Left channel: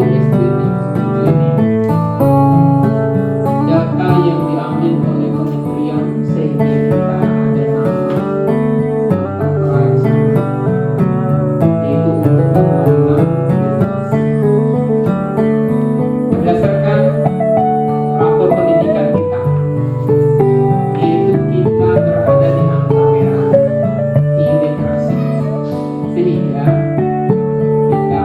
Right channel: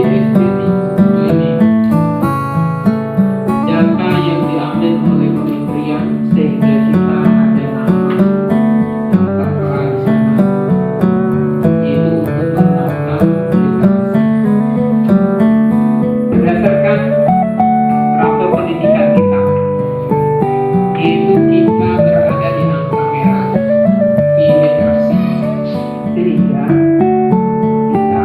estetik ini data yang diambil oleh kementerian sehingga kita ada nama tertera di sana, yaitu untuk melakukan literasi berdasarkan rapor pendidikan kita, yaitu kita berada di angka merah di literasi, sehingga kita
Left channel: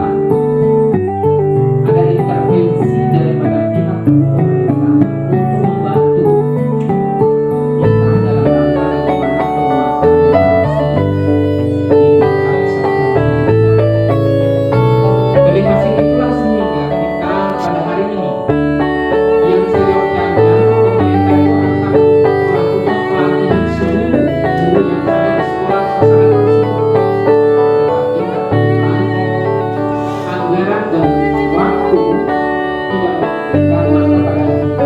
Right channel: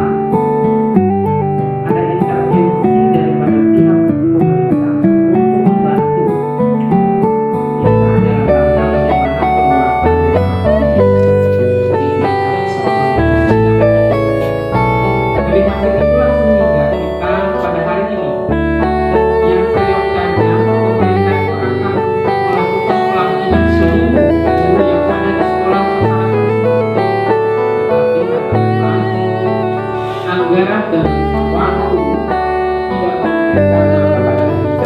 ada intervensi daripada pihak pemerintah untuk membantu kita dalam rangka bagaimana penguatan literasi di tingkat satuan pendidikan. Dari hasil itulah sehingga kita pada hari ini yang seyogyanya pemerintah itu akan melakukan pelatihan seluruh guru yang ada di sekolah sasana tersebut. Tetapi karena anggaran dan waktu tidak memungkinkan, maka pada hari ini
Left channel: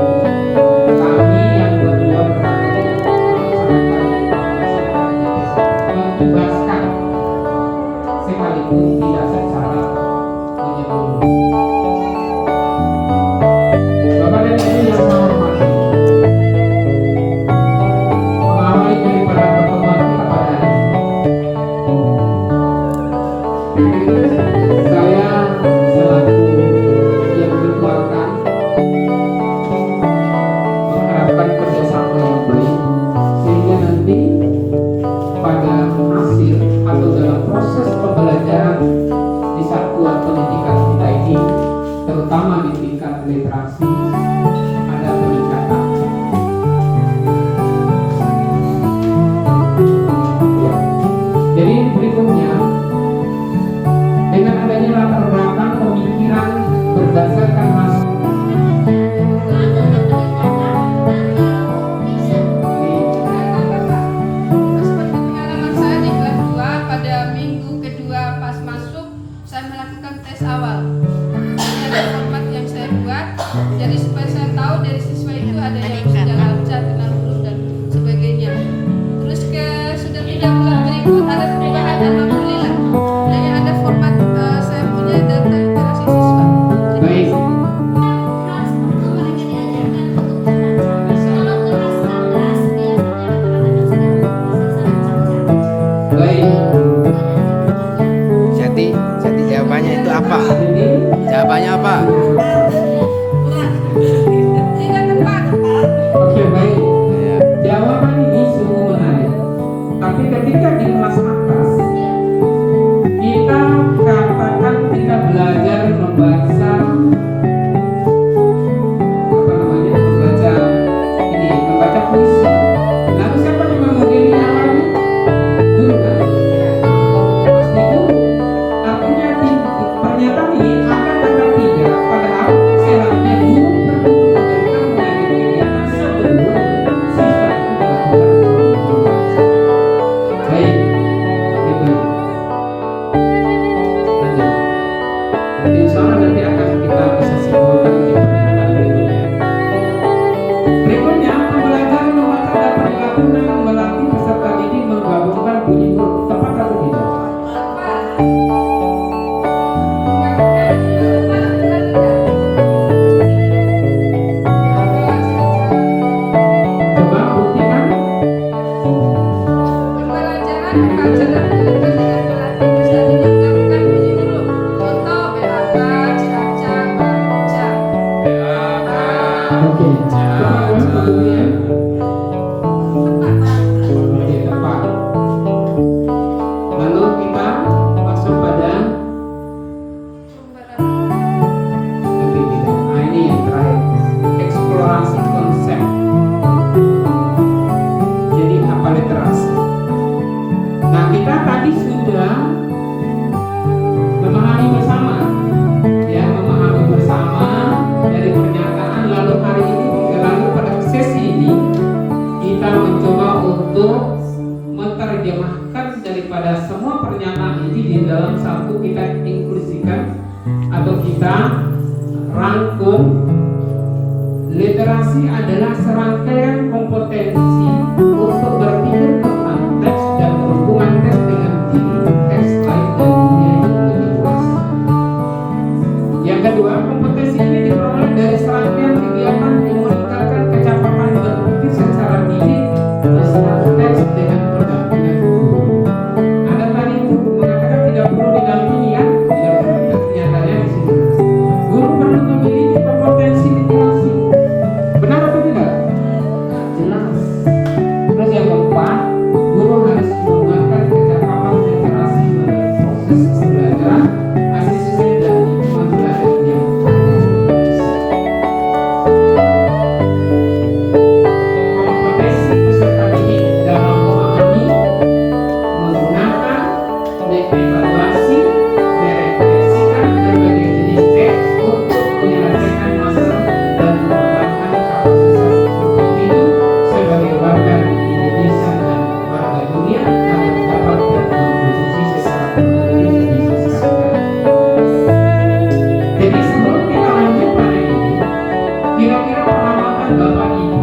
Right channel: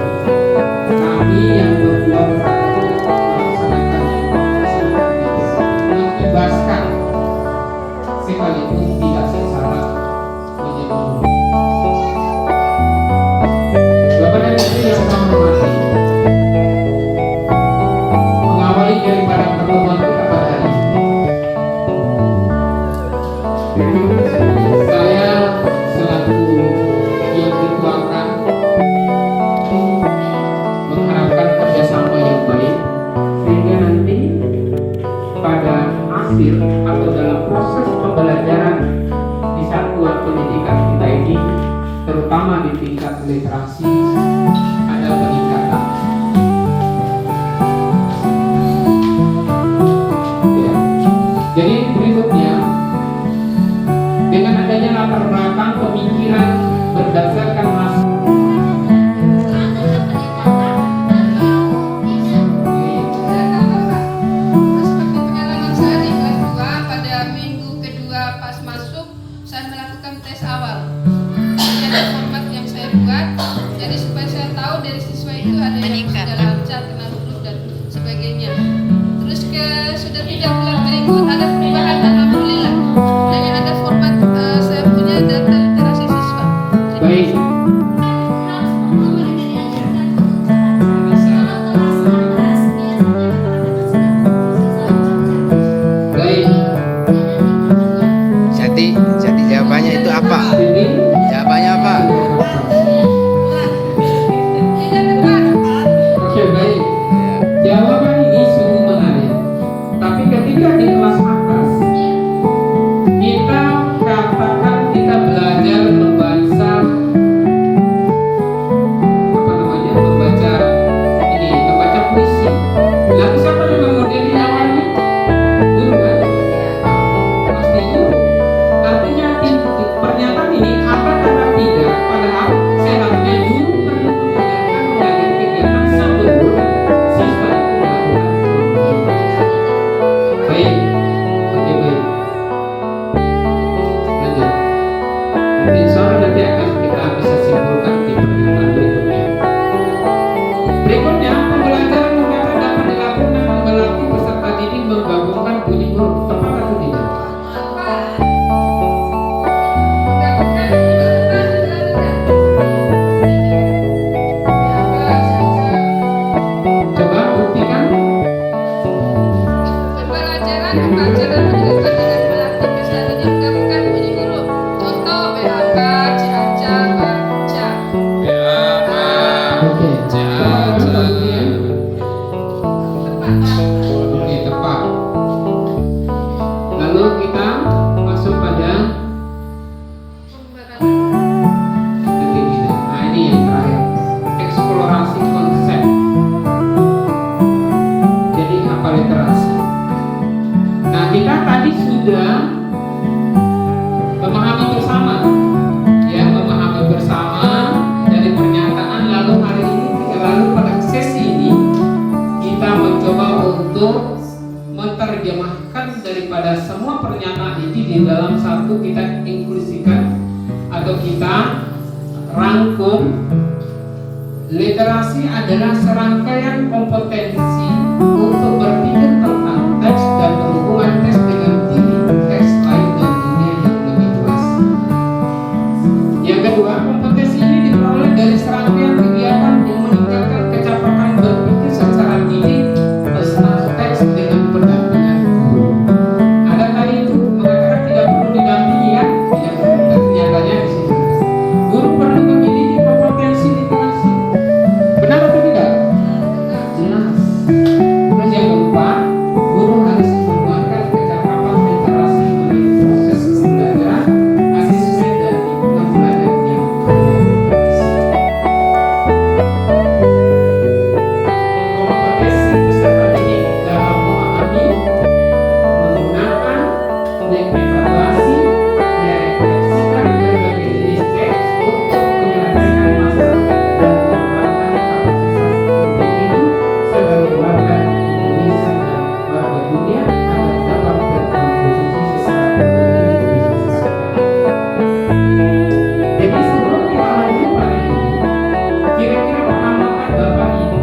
kami yang berdua melaksanakan mengibaskan sekalipun tidak secara menyeluruh. Bapak dan Ibu yang saya hormati, mengawali daripada pertemuan kita pada hari ini, saya selaku yang dituakan mengharapkan kerjasama yang baik sehingga nanti pada hasil atau dalam proses pembelajaran di satuan pendidikan kita ini, terutama di tingkat literasi, ada peningkatan. Ya. Jadi berikutnya, dengan adanya latar belakang pemikiran berdasarkan hasil Seperti pengalaman saya di kelas 2 pada minggu kedua pas masuk, saya melakukan tes awal. Ini ada format yang saya buat, jadi supaya saya tahu dari siswa itu ada yang sudah lancar, kenal huruf dan sebagainya. Terus sudah 3 bulan berikut ada perubahan, alhamdulillah. Dengan ada format saya punya data literasi siswa. baik. Harus perlu mereka diajarkan untuk membaca. Kalau kelas 11 biasanya rata-rata sudah bisa membaca. Baik. Jadi jawabannya itu apa? Ini Jawabannya apa? Tidak kuat. oke, baik. Ya. Jawaban ini sungguh menarik. Tapi ketika di kelas atas kita katakan kita belajar membaca membaca puisi. Lalu siapa yang memodeli awalnya? Guru kan? Pasti guru. Artinya pernyataan ini akan ada 3. Padahal seharusnya guru perlu mengajari kegiatan sebelum siswa itu melakukan membaca. Baik, oke, baik. Lanjut. Nanti insya Allah nanti akan kita bisa simpulkan di pernyataan berikutnya. Berikutnya, pembelajaran membaca dapat dilakukan dengan melatih peserta didik menggabungkan bunyi huruf. Tepat atau tidak? Coba buktikan. Pembelajaran membaca dan menuliskan dengan melatih peserta didik menggabungkan bunyi huruf. Contoh BAK, CACA, baca. Oke. Sekarang kemudian. Oke, tepat. Lalu kita masuk pada detik kita. Nah, ini yang terakhir. Eksplorasi konsep. Jadi apa literasi? Nah, kita tadi sudah memahami bersama, ya, memahami bersama dari pernyataan. Lalu hari ini, lalu pada sesi ini kita mencoba untuk menerjemahkan daripada semua pernyataan ini di dalam satu, kita inklusikan atau kita rangkum. Literasi adalah serangkaian kompetensi untuk berpikir tentang teks dan berhubungan teks dengan diri, teks lain dan dunia yang lebih luas. kedua, kompetensi ini diperoleh dari serangkaian kegiatan yang meningkatkan kecepatan berpikir secara didik beserta teks dengan pendampingan guru. Ada tadi itu mengatakan tidak perlu didampingi ya, tidak perlu. Tapi nyatanya di sini guru perlu memiliki kompetensi literasi. Benar atau tidak? Jelas. Terus yang keempat, guru harus menggunakan kecakapan literasi mengenai proses pembelajaran, asesmen dan lingkungan belajar yang berkompetensi. Kompetensi peserta didik dalam memahami, menggunakan, mengevaluasi, merefleksikan berbagai jenis teks untuk menyelesaikan masalah dan mengembangkan kapasitas individu sebagai warga Indonesia dan warga dunia agar dapat berkontribusi secara produktif di masyarakat. Jadi sebelum kita lanjut pada ini, kira-kira pengamatan Bapak Ibu,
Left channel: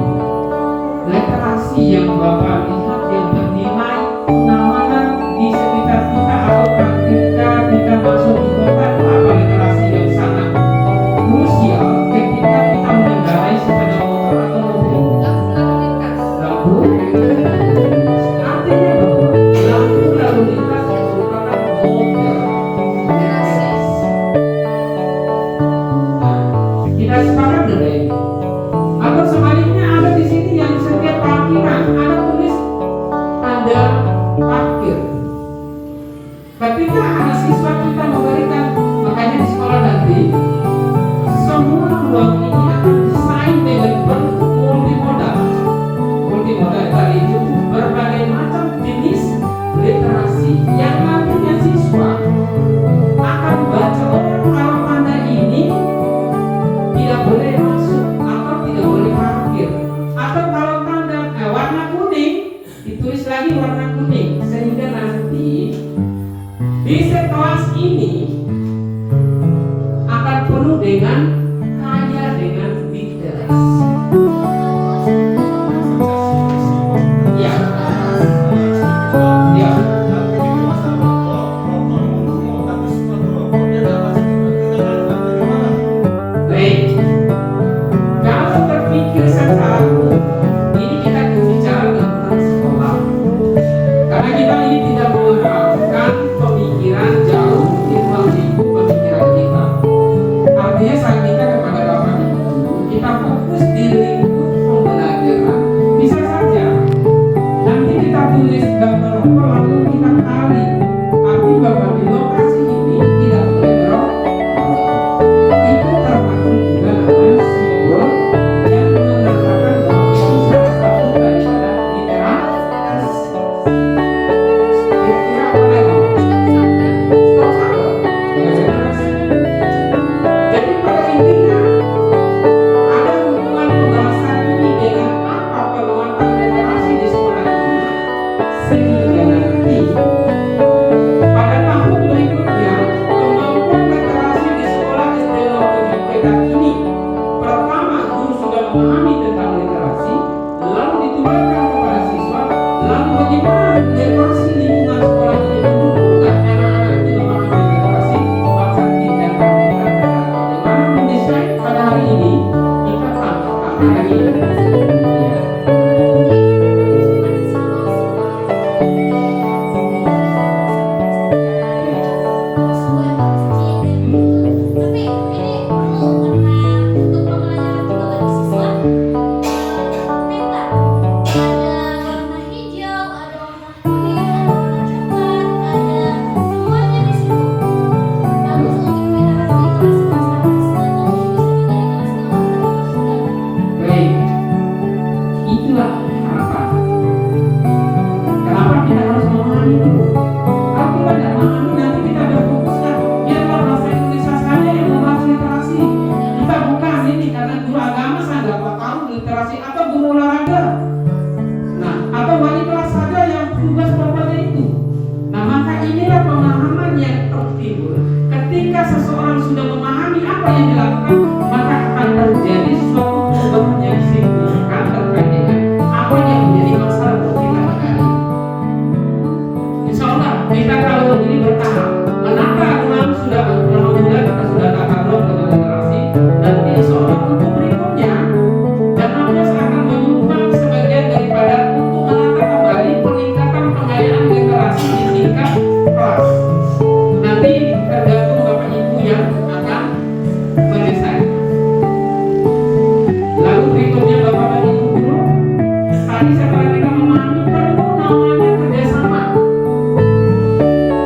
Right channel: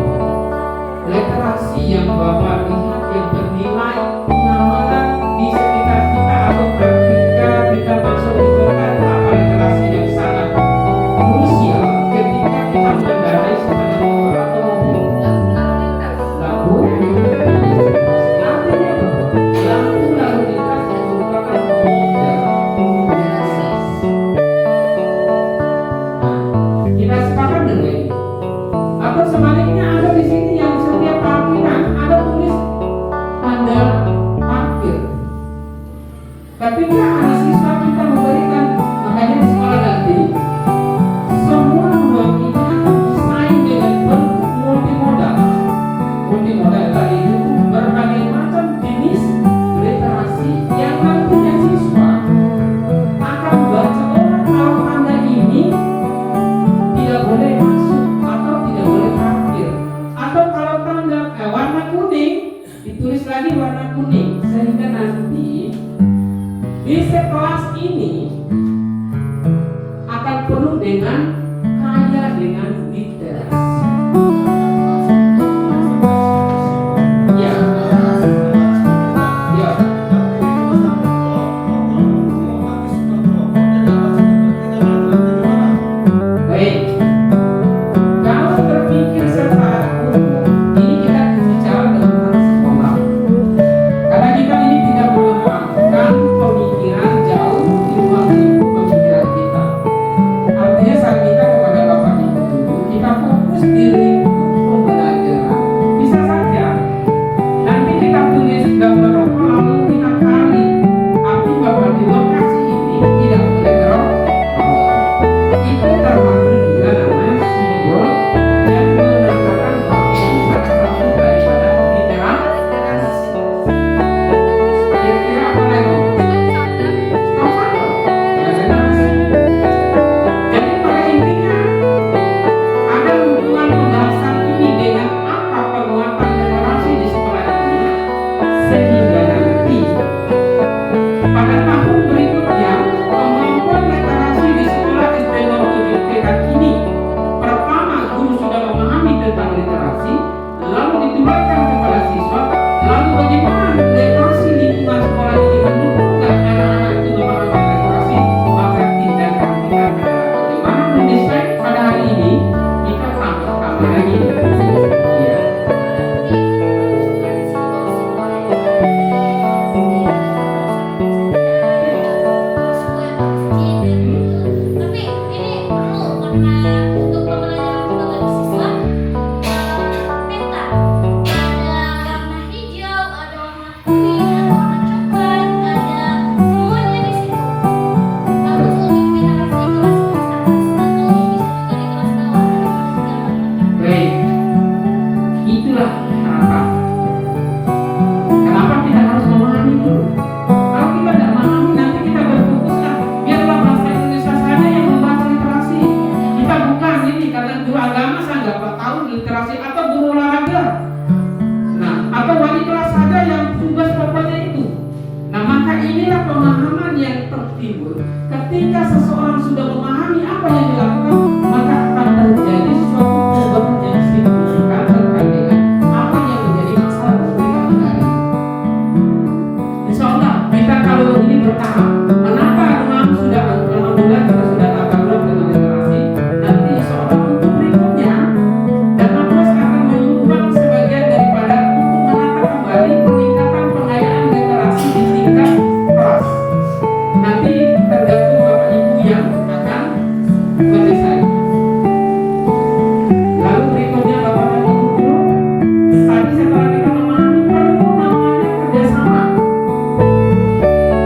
literasi yang Bapak lihat yang bernilai pengamalan di sekitar kita atau ketika kita masuk di kota itu apa literasi yang sangat krusial ketika kita mengendarai sepeda motor atau mobil? Lalu lintas. Lampu. Artinya lampu lalu lintas merupakan model literasi. Nah, kita sepakat dengan ini. Atau sebaliknya ada di sini yang setiap parkiran ada tulis tanda parkir. Ketika ada siswa kita memberikan, makanya di sekolah nanti semua ruang ini akan desain dengan bentuk multimodal. Multimodal tadi itu berbagai macam jenis literasi yang nantinya siswa akan baca, oh kalau tanda ini tidak boleh masuk atau tidak boleh parkir, atau kalau tanda warna kuning ditulis lagi warna kuning, sehingga nanti di sekelas ini akan penuh dengan kaya dengan literasi. Ya, ya. Baik. Kalau terpikir secara umum, ini kita bicara tentang sekolah. Karena kita ini tidak mengharapkan pemikiran jauh di ruang lingkup pemikiran kita. Artinya saya minta kepada Bapak Ibu dulu, kita fokus di lingkup pembelajaran. Bisa saja nanti kita tulis gambar rokok lalu kita kali. Arti bahwa di lokasi ini tidak boleh merokok. Itu termasuk juga namanya simbol yang menandakan bahwa itu salah satu daripada literasi. Kira-kira apa lagi? Stop saja. Literasi. Jadi pada intinya ada hubungan pembahasan ini dengan apa penguatan literasi di sekolah ini, sehingga nanti pada tahun berikutnya kemampuan literasi di sekolah SD 07 TK ini, pertama guru sudah memahami tentang literasi, lalu ditularkan kepada siswa, lalu bagaimana literasi lingkungan sekolah itu mendukungkan anak-anak itu memahami literasi, maka tindakan kita adalah bagaimana mendesain pada hari ini kita tambah lagi. Ya. Tapi ini perlu karena untuk pembelajaran juga bagi siswa peta ada warna hijau, ada warna kuning, ada warna coklat, ada semuanya di situ. Bagus untuk literasi kelas atas atau bisa juga di kelas bawah kalau sudah menggunakan. Baik, itulah kenapa. Kenapa kita harus memahami dulu? Kalau kita tidak memahami, nanti kita berfokus biarlah bahasa Indonesia saja yang membahas literasi. Kita bukan ini karena guru agama saya nggak tahu literasi atau guru olahraga. Nah, atau wali kelas saja yang tugas pokoknya itu. Nah, maka inilah pemahaman yang tertimbul. Ketika seseorang sudah memahami apa yang dilakukan, maka akan terjadi suatu perubahan yang signifikan terkait dengan apa yang menjadi masalah buat kita pada hari ini. Insya Allah kita kalau ini bertahap, menata ruang sudah alhamdulillah kita sudah tata ruang dengan yang akan mendesain. Lalu berikutnya Bapak dan Ibu guru, tadi setelah kita memahami perlu namanya kerjasama.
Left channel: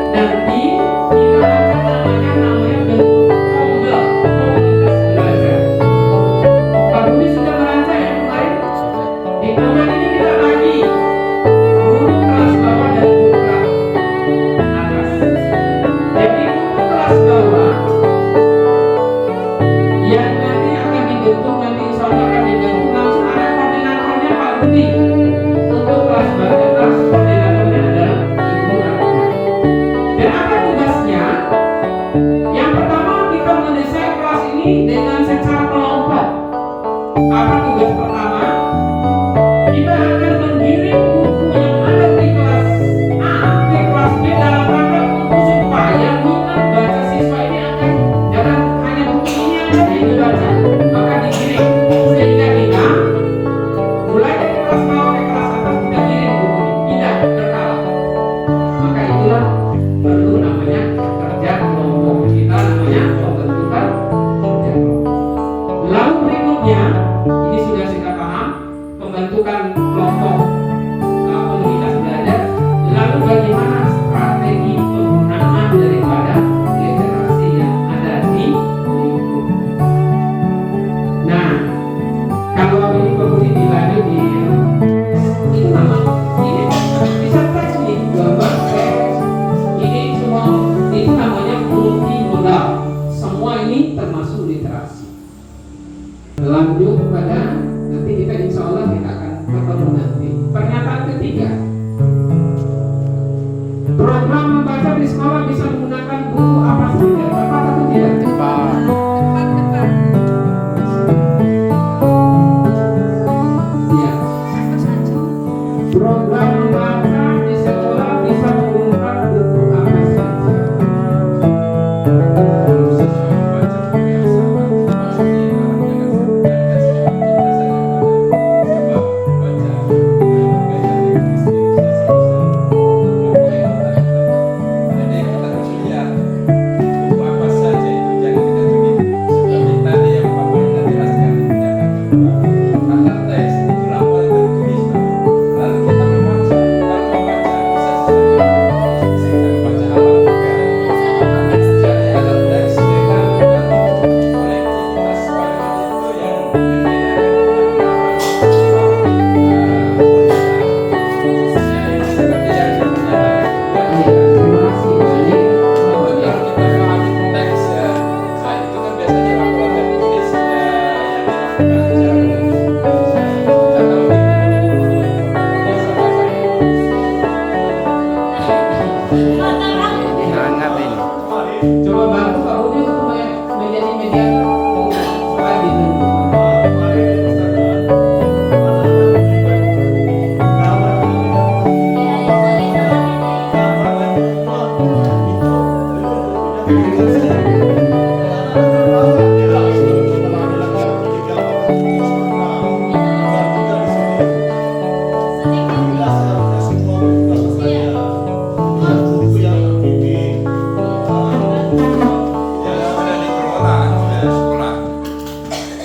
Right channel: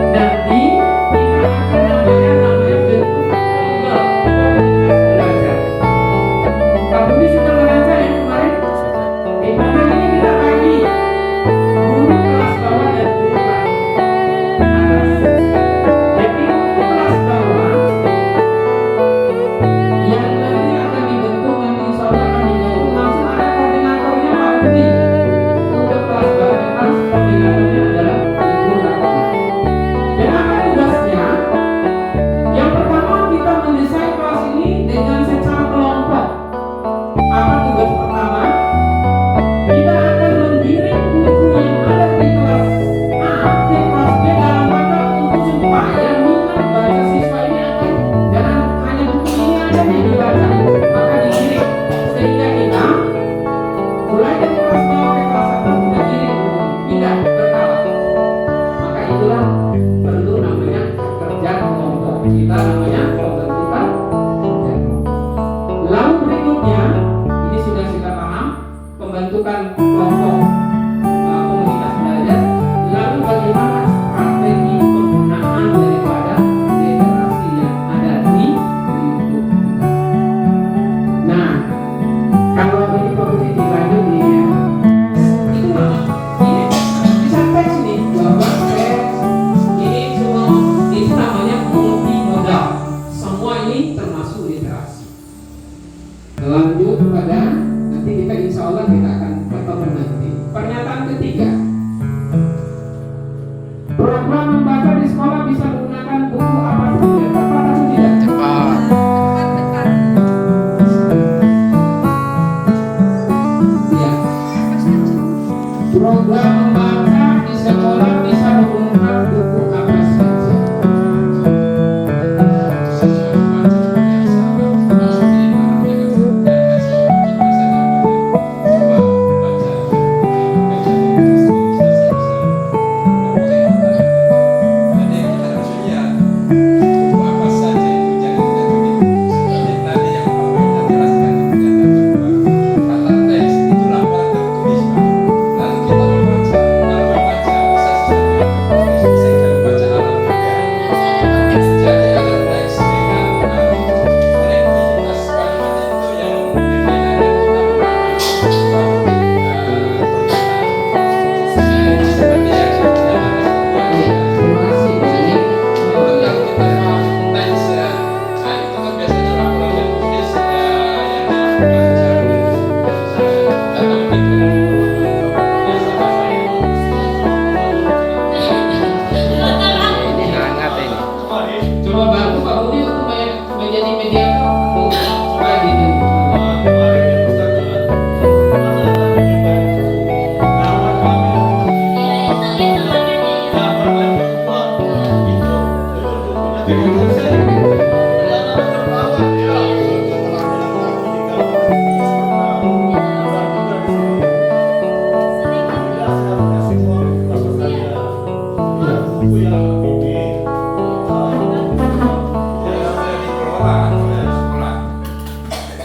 Nanti kita akan namanya bentuk tunggal komunitas belajar. Pak Budi sudah merancang yang kemarin. Sudah. Di tunggal ini kita bagi guru kelas bawah dan guru kelas atas. Jadi untuk kelas bawah yang nanti akan dibentuk, nanti insya Allah akan dibentuk langsung ada koordinatornya Pak Budi. Untuk kelas bawah atas koordinatornya adalah Ibu Ratna. Dan apa tugasnya? Yang pertama kita mendesain kelas ini dengan secara kelompok. Apa tugas pertama? Kita akan menggiring buku yang ada di kelas A ke kelas B dalam rangka untuk supaya minat baca siswa ini akan jangan hanya buku ini aja yang dibaca, maka digiring sehingga kita mulai dari kelas bawah ke kelas atas kita giring buku ini, tidak berkala. Maka itulah perlu namanya kerja kelompok. Kita namanya pembentukan kerja kelompok. Lalu berikutnya, ini sudah kita paham, pembentukan kelompok komunitas belajar. Lalu bagaimana strategi penggunaan daripada literasi yang ada di lingkup kita. Nah, kalau ini Pak Budi dilanjut di itu nama ini bisa teks nih, gambar teks ini semua itu namanya multimodal. Semua ini termasuk literasi. Lanjut kepada nanti kita insya Allah kita akan ketemu nanti. Pernyataan ketiga, program membaca di sekolah bisa menggunakan buku apa saja, tepat atau tidak? Tepat. Tepat. Iya. Apa saja? Program membaca di sekolah bisa menggunakan buku apa saja? Terima kasih. Ini hangat ini. Coba bantu Pak Budi untuk menjadi mediator untuk slide itu.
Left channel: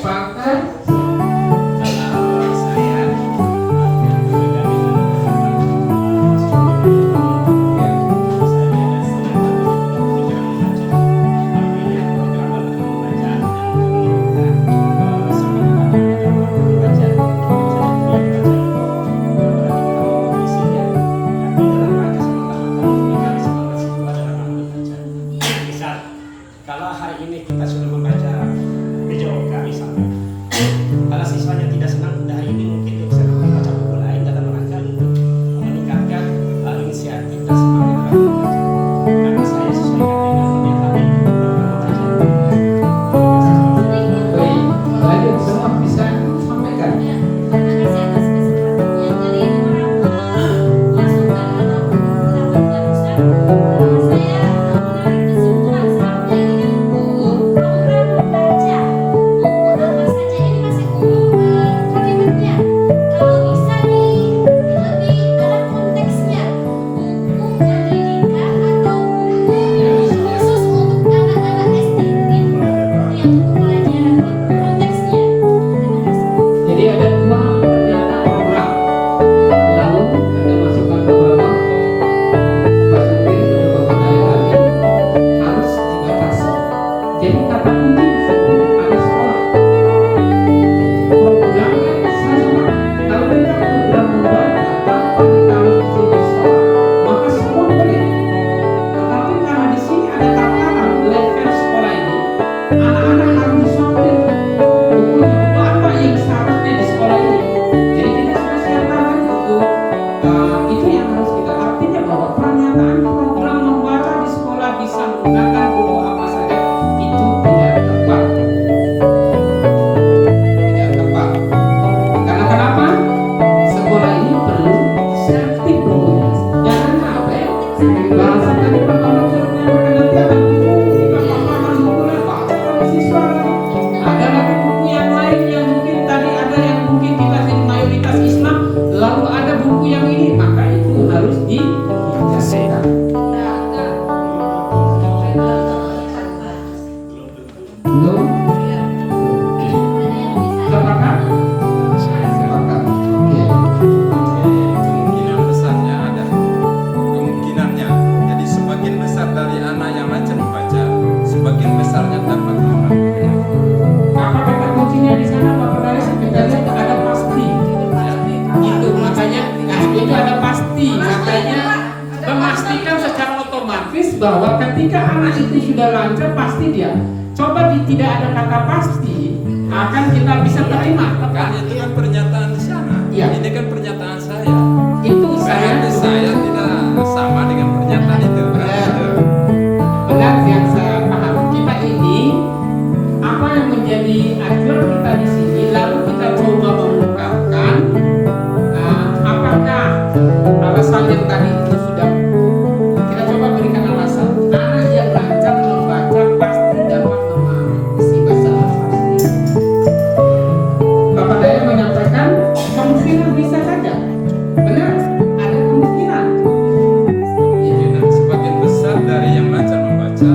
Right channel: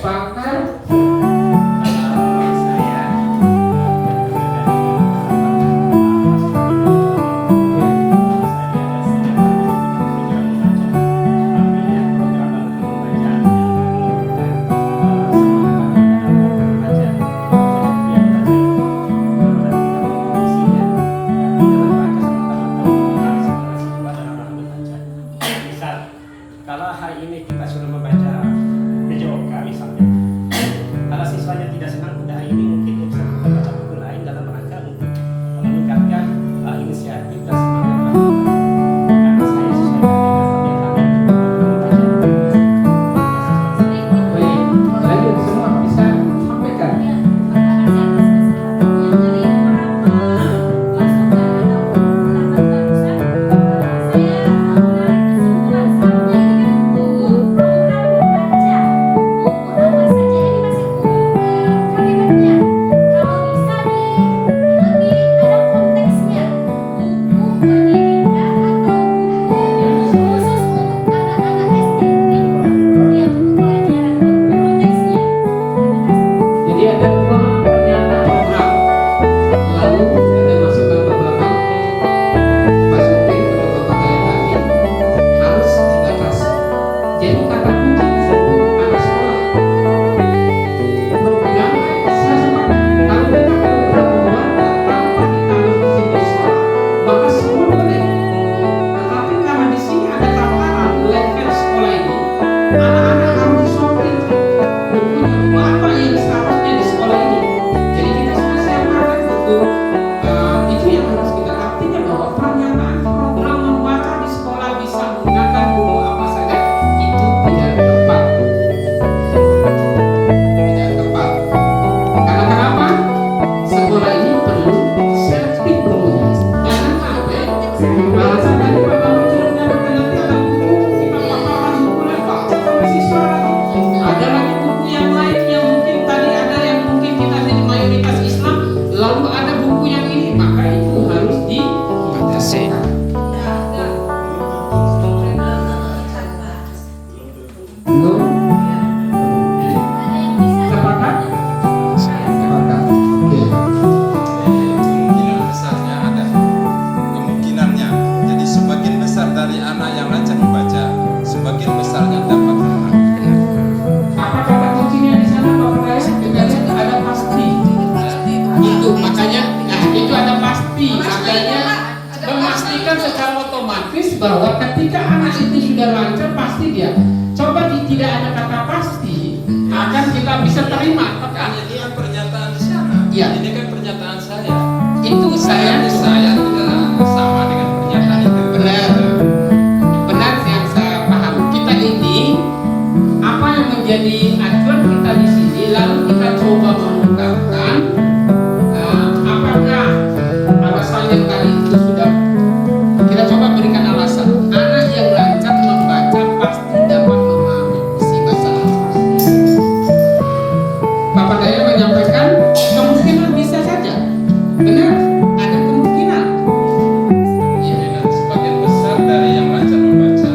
Pakar Kalau hari ini kita sudah membaca PJOK misalnya, kalau siswanya tidak senang pada hari ini, mungkin dia bisa membaca buku lain dalam rangka untuk meningkatkan inisiatif dan semangat dalam membaca. Karena saya sesuaikan dengan pernyataan itu membaca. baik, lanjut semua bisa sampaikan. Ya, terima kasih atas kesempatannya. Jadi masukan ataupun pendapat barusan, saya menarik kesimpulan seharusnya ini kan umum program membaca buku apa saja ini masih umum kalimatnya. Kalau bisa No? Ada yang bisa. Sepakat? Sepakat. Oke. Kemungkinan besarnya ada kemungkinannya. Jadi sebagian besar dari anak yang lancar membaca, sebagian besarnya dapat memahami. Apa kata kuncinya di sana Bapak Daya? Kita lihat ada pasti. Itu makanya, nah itu ada pasti. Makanya memastikan secara otomatis bahwa ketika anak itu sudah lancar pasti dia. Coba tidak ada kata pasti, akan kita bisa terima. Kan ini kan pernyataan di sana. Iya. Ini kan pernyataan saya. Itu saya tidak sama dengan pernyataan itu. benar, benar yang saya paham. Kita ini apa yang menjadi acuan kita di sini, lalu kita coba mengungkapkan apakah alasan yang tadi itu sudah kita coba berikan alasan. Anak yang lancar membaca pasti dapat memahami isi bahasa Al-Quran. Bapak Daya menyampaikan kemungkinan bisa saja, benar, ada kemungkinan. Iya, sebagian besar dari yang lancar membaca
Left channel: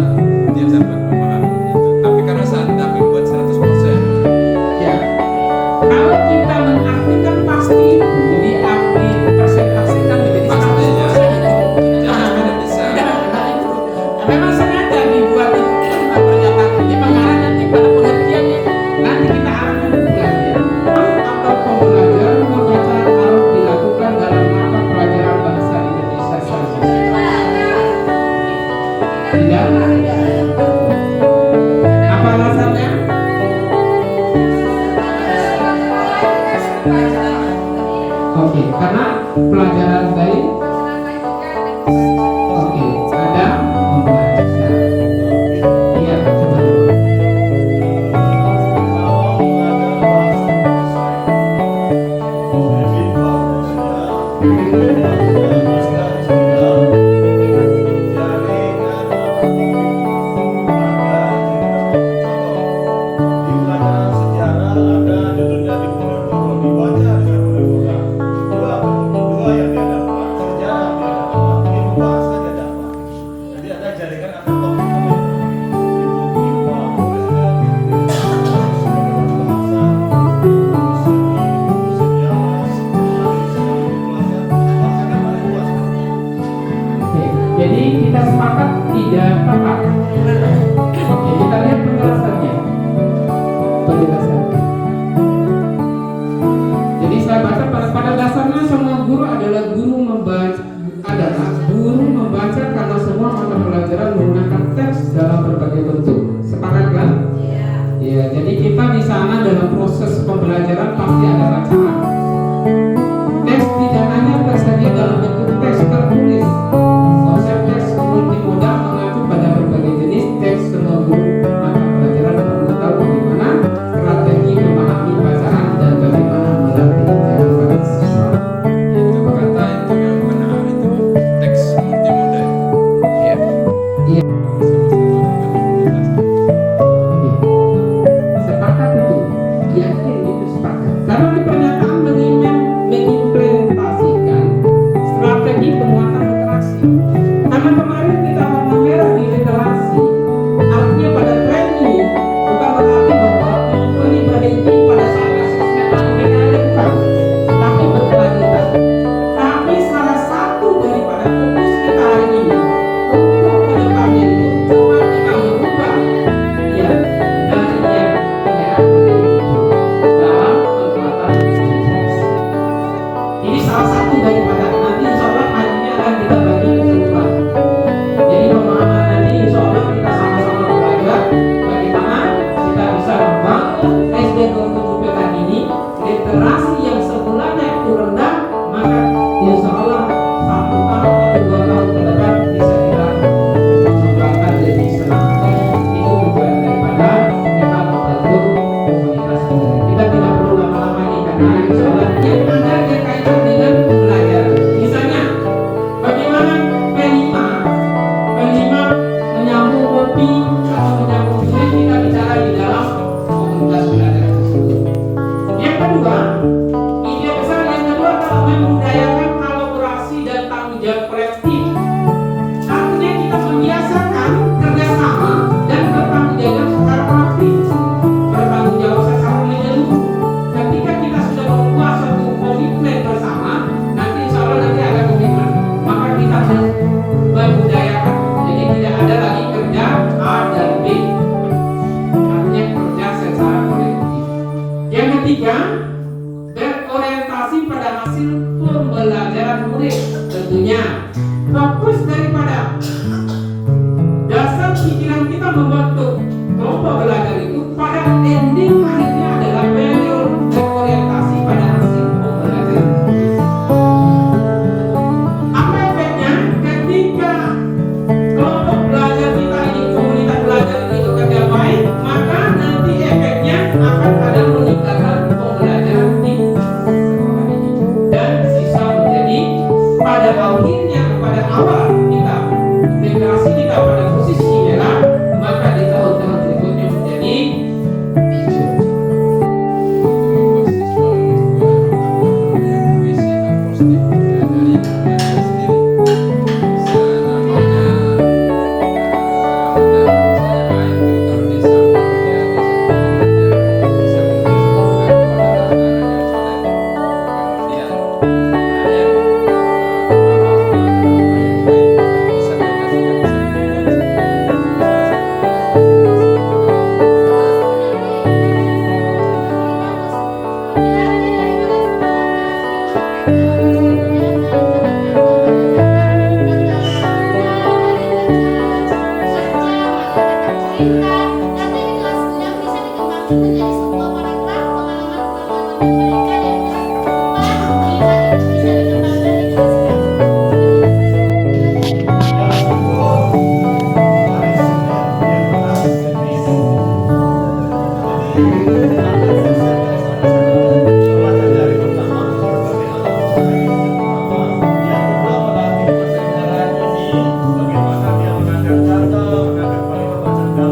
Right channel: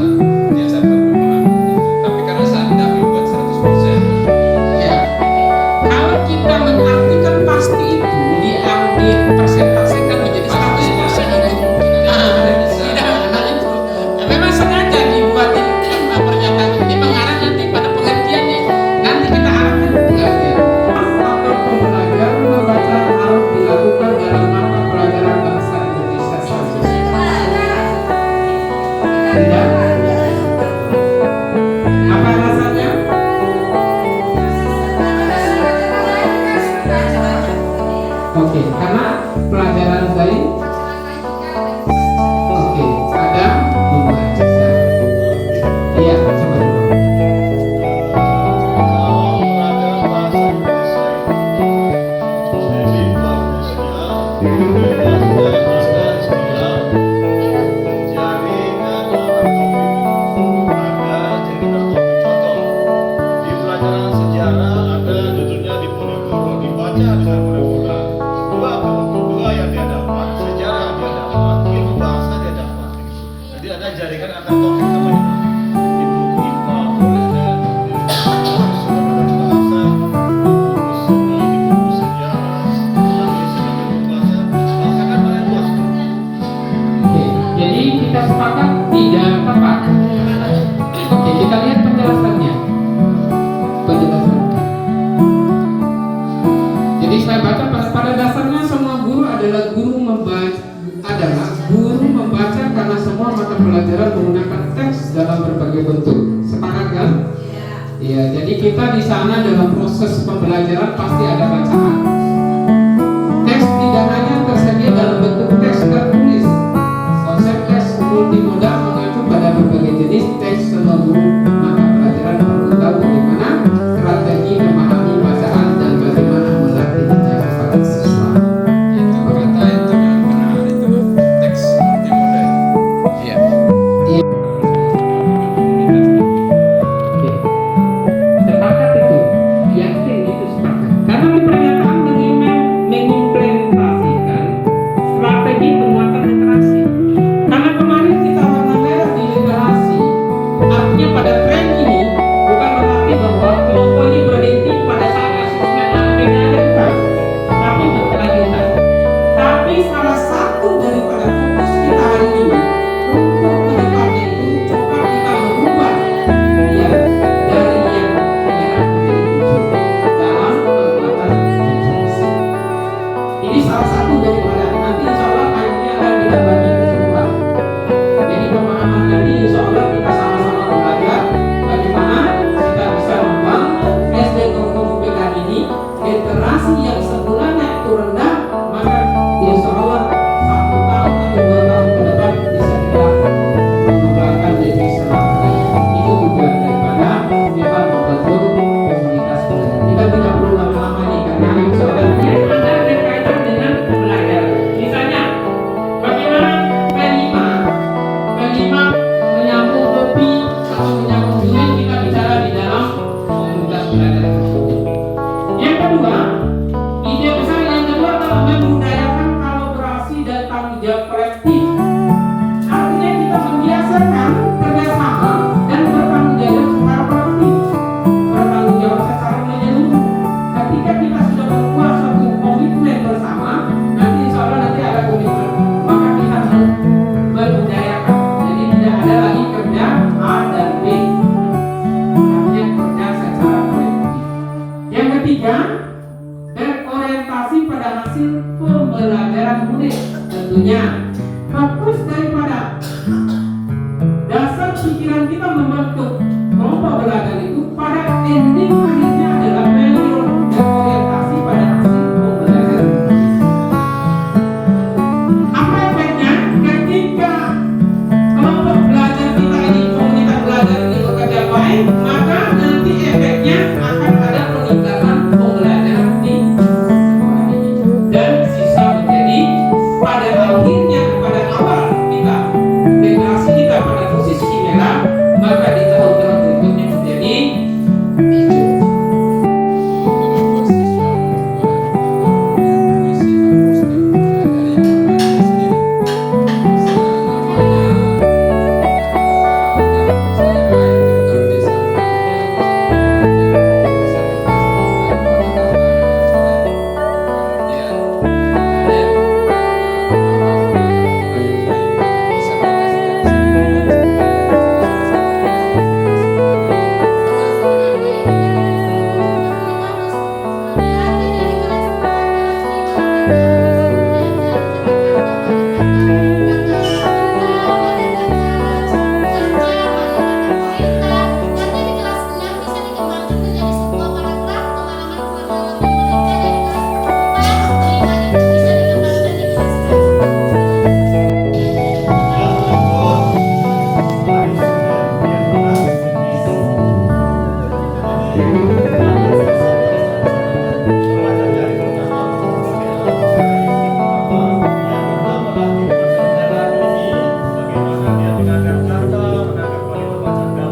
dia dapat memahami itu. Tapi karena saya tidak membuat 100%. Ya, kalau kita mengartikan pasti itu dipresentasikan menjadi 100% itu. Tidak bisa. Tidak, nah itu. Nah, memang sengaja dibuat pernyataan ini mengarah nanti pada pengertian nih. Nanti kita arahkan ke pengertian. Apel pembelajaran membaca harus dilakukan dalam mata pelajaran bahasa Indonesia saja. Tidak. Apa alasannya? Oke, karena pelajaran baik. Oke, ada membaca. Iya, coba dulu. Kalau pelajaran bahasa Indonesia itu lebih bagusnya ada istilah jaringan atau topik. Ada jaringan topik. Contoh di pelajaran sejarah ada judulnya Diponegoro, dibaca dengan Ponegoro. Dua yang dia dapat, sejarah dia dapat, ilmu bahasa dia dapat. Jadi ada jaringan atau topik namanya. Di buku IPA boleh deh, di buku sumber bahasa, di buku seni, di buku sejarah, lagi sebagai buku bahasa, bahasa kan banyak luas. Oke, jadi kita sepakat tidak tepat. Oke, kita lihat penjelasannya. Penjelasannya. Jadi saya baca pada dasarnya semua guru adalah guru membaca karena semua mata pelajaran menggunakan teks dalam berbagai bentuk. Sepakat kan? Iya. Jadi kita di sana dalam proses pembelajaran pasti ada bacaan. Teks tidak hanya tersedia dalam bentuk teks tertulis. Konsep teks multimodal mengacu pada berbagai jenis teks. Semua guru mata pelajaran perlu tahu bagaimana strategi memahami bacaan dan bagaimana melatihnya kepada siswa. Itu kata itu memang benar, itu teks multimodal. Iya. Iya. Oke. Sepakat itu, yakin itu sepakat. Karena di pernyataan mengimplementasikan strategi penguatan literasi. Karena kemarin kita warna merah di literasi, artinya pada tren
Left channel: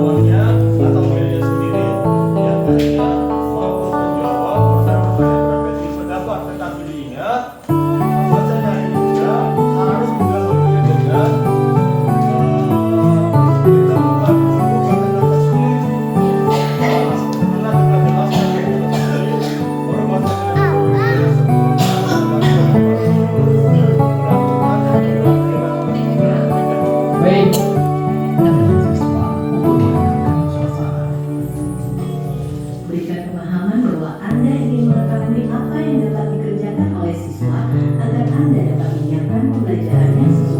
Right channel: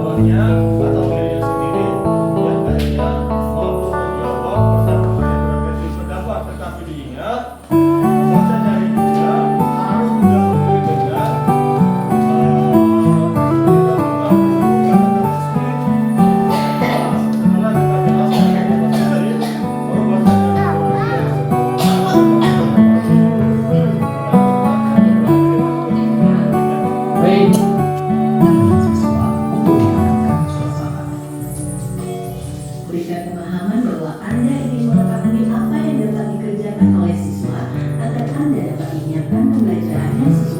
pengetahuannya atau dirinya sendiri yang akhirnya mampu menjawab pertanyaan-pertanyaan berbagai pendapat. Tetapi diingat, membaca dari juga harus didahului dengan kita buka dulu kata-kata sulit. Setelah kita jelaskan kata-kata sulit, baru baca yang Baik. Berikan pemahaman bahwa Anda ingin mengetahui apa yang dapat dikerjakan oleh siswa agar Anda dapat menyiapkan pembelajarannya sesuai